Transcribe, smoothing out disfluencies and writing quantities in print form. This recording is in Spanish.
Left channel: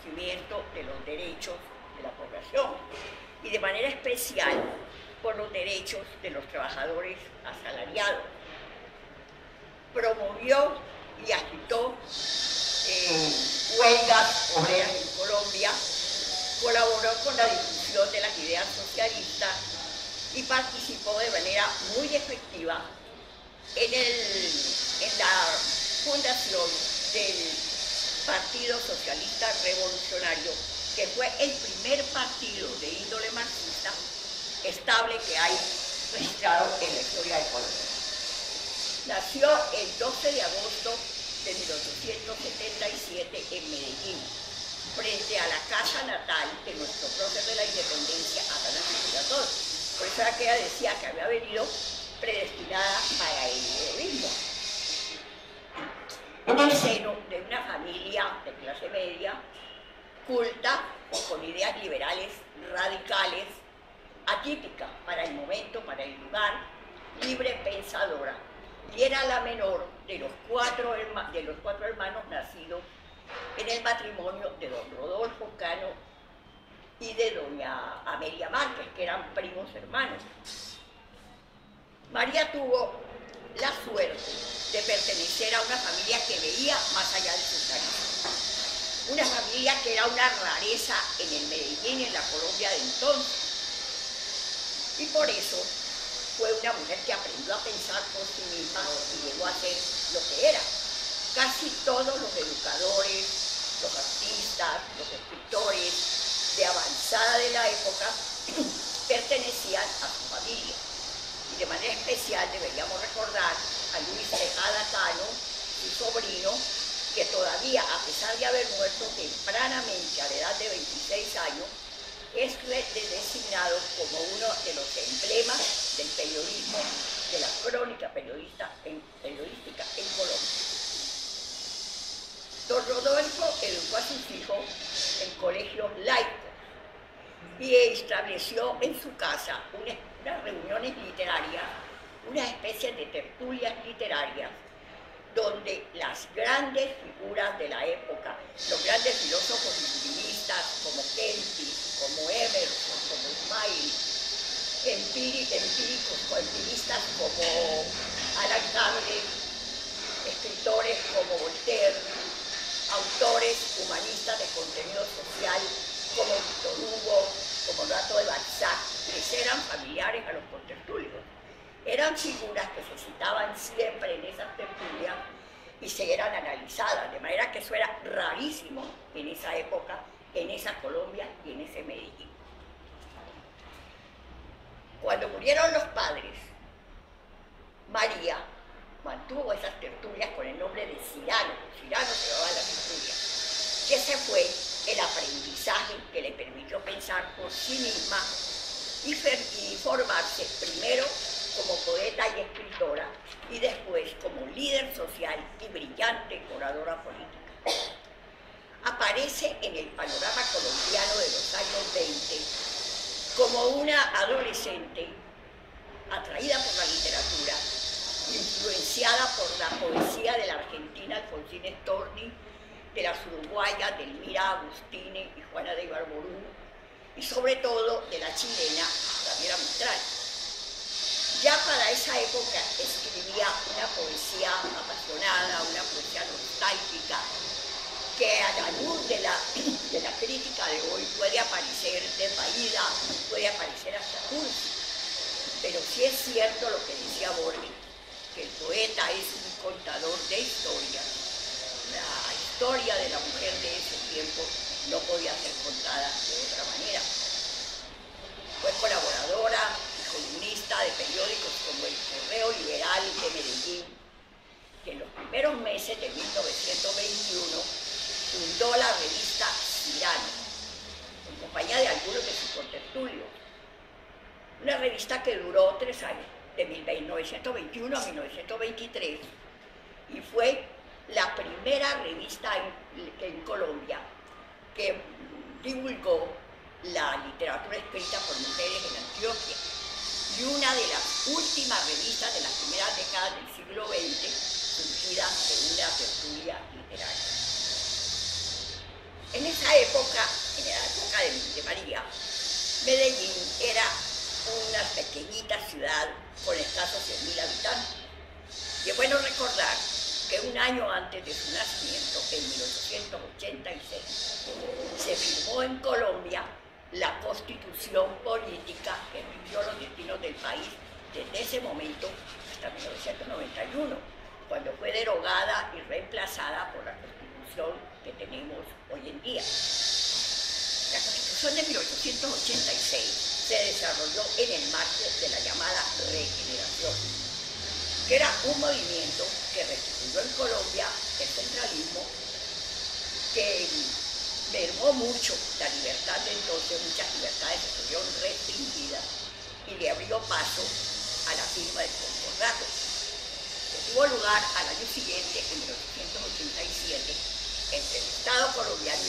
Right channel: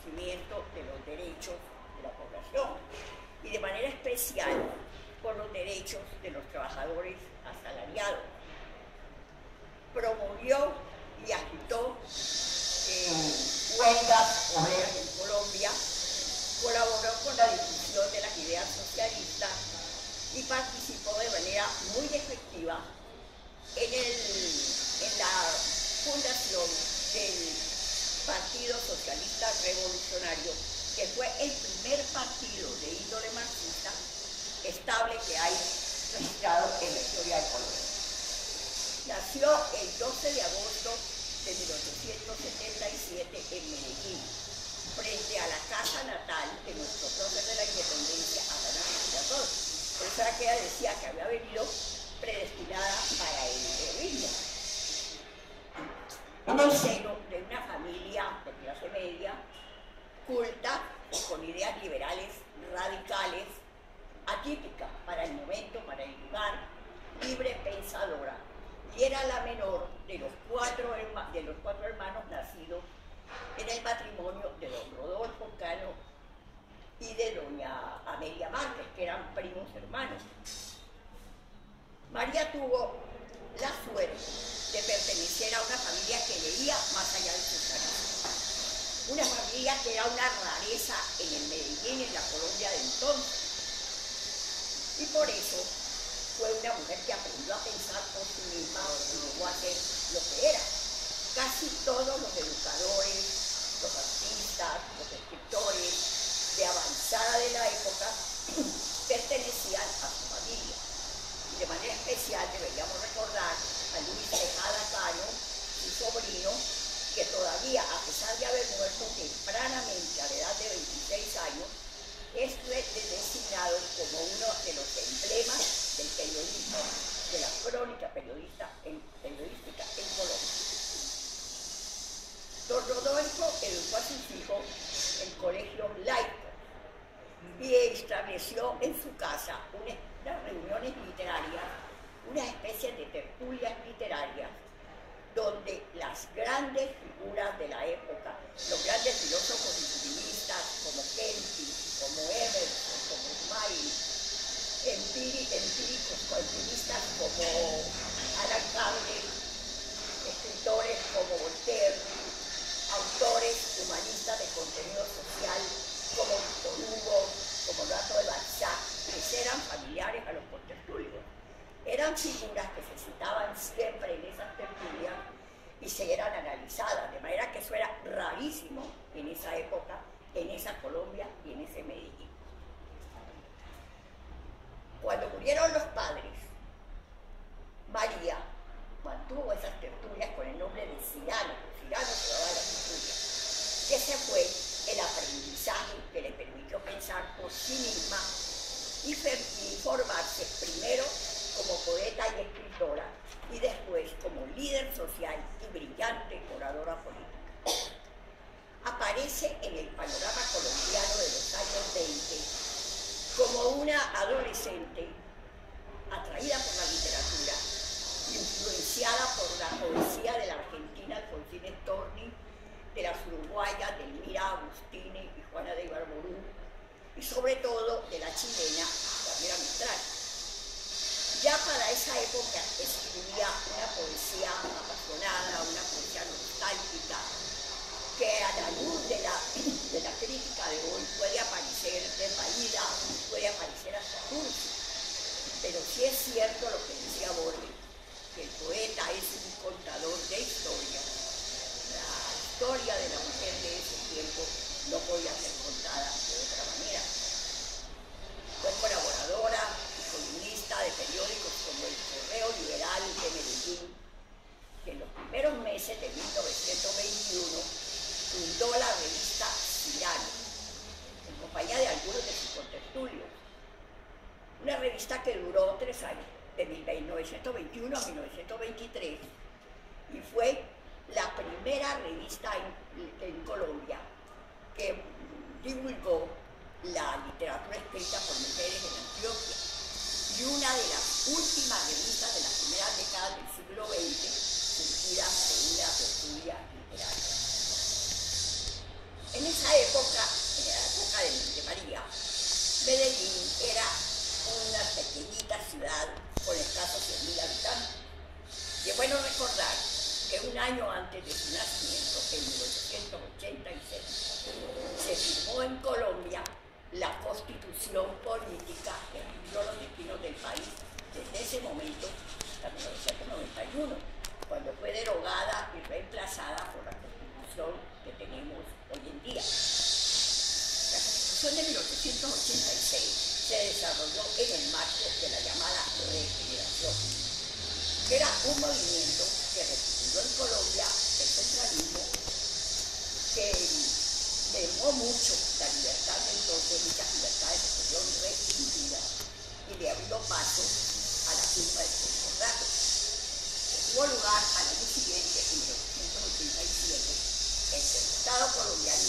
reconocimiento de los derechos de la población y de manera especial por los derechos de los trabajadores asalariados. Promovió y agitó huelgas obreras en Colombia, colaboró con la difusión de las ideas socialistas y participó de manera muy efectiva en la fundación del Partido Socialista Revolucionario, que fue el primer partido de índole marxista estable que hay registrado en la historia de Colombia. Nació el 12 de agosto de 1877 en Medellín, frente a la casa natal de nuestro prócer de la independencia, Atanasio Girardot. Por eso era que ella decía que había venido predestinada para el heroísmo. En el seno de una familia de clase media, culta, con ideas liberales radicales, atípica para el momento, para el lugar, libre pensadora, y era la menor de los cuatro hermanos nacidos en el matrimonio de don Rodolfo Cano y de doña Amelia Márquez, que eran primos hermanos. María tuvo la suerte de pertenecer a una familia que veía más allá de sus narices, una familia que era una rareza en el Medellín y en la Colombia de entonces, y por eso fue una mujer que aprendió a pensar por sí misma y llegó a ser lo que era. Casi todos los educadores, los artistas, los escritores de avanzada de la época pertenecían a su familia. Y de manera especial deberíamos recordar a Luis Tejada Cano, su sobrino, que todavía, a pesar de haber muerto tempranamente a la edad de 26 años, es designado como uno de los emblemas del periodismo, de la crónica periodística en Colombia. Don Rodolfo educó a sus hijos en colegios laicos y estableció en su casa unas reuniones literarias, una especie de tertulias literarias, donde las grandes figuras de la época, los grandes filósofos y civilistas como Kempis, como Emerson, como Smiley, empiristas como Alan Kardec, escritores como Voltaire, autores humanistas de contenido social como Víctor Hugo, como Rato de Balzac, les eran familiares a los contertulios. Eran figuras que se citaban siempre en esas tertulias y se eran analizadas, de manera que eso era rarísimo en esa época, en esa Colombia y en ese Medellín. Cuando murieron los padres, María mantuvo esas tertulias con el nombre de Cyrano se llamaba la tertulia, que ese fue el aprendizaje que le permitió pensar por sí misma y formarse primero como poeta y escritora y después como líder social y brillante oradora política. Aparece en el panorama colombiano de los años 20 como una adolescente atraída por la literatura, influenciada por la poesía de la argentina Alfonsina Storni, de las uruguayas Delmira Agustini y Juana de Ibarború, y sobre todo de la chilena Gabriela Mistral. Ya para esa época escribía una poesía apasionada, una poesía nostálgica, que a la luz de la crítica de hoy puede aparecer desvaída, puede aparecer hasta cursi. Pero sí es cierto lo que decía Borges, que el poeta es un contador de historia. La historia de la mujer de ese tiempo no podía ser contada de otra manera. Fue colaboradora y columnista de periódicos como El Correo Liberal de Medellín, que en los primeros meses de 1921 fundó la revista Cyrano, en compañía de algunos de sus contertulios. Una revista que duró 3 años, de 1921 a 1923, y fue la primera revista en Colombia que divulgó la literatura escrita por mujeres en Antioquia, y una de las últimas revistas de las primeras décadas del siglo XX, surgida de una tertulia literaria. En esa época, en la época de María, Medellín era una pequeñita ciudad con escasos 100.000 habitantes. Y es bueno recordar que un año antes de su nacimiento, en 1886, se firmó en Colombia la Constitución Política que rigió los destinos del país desde ese momento hasta 1991, cuando fue derogada y reemplazada por la Constitución que tenemos hoy en día. La Constitución de 1886 se desarrolló en el marco de la llamada regeneración, que era un movimiento que restituyó en Colombia el centralismo, que mermó mucho la libertad de entonces, muchas libertades se fueron restringidas y le abrió paso a la firma del concordato, que tuvo lugar al año siguiente, en 1887, entre el Estado colombiano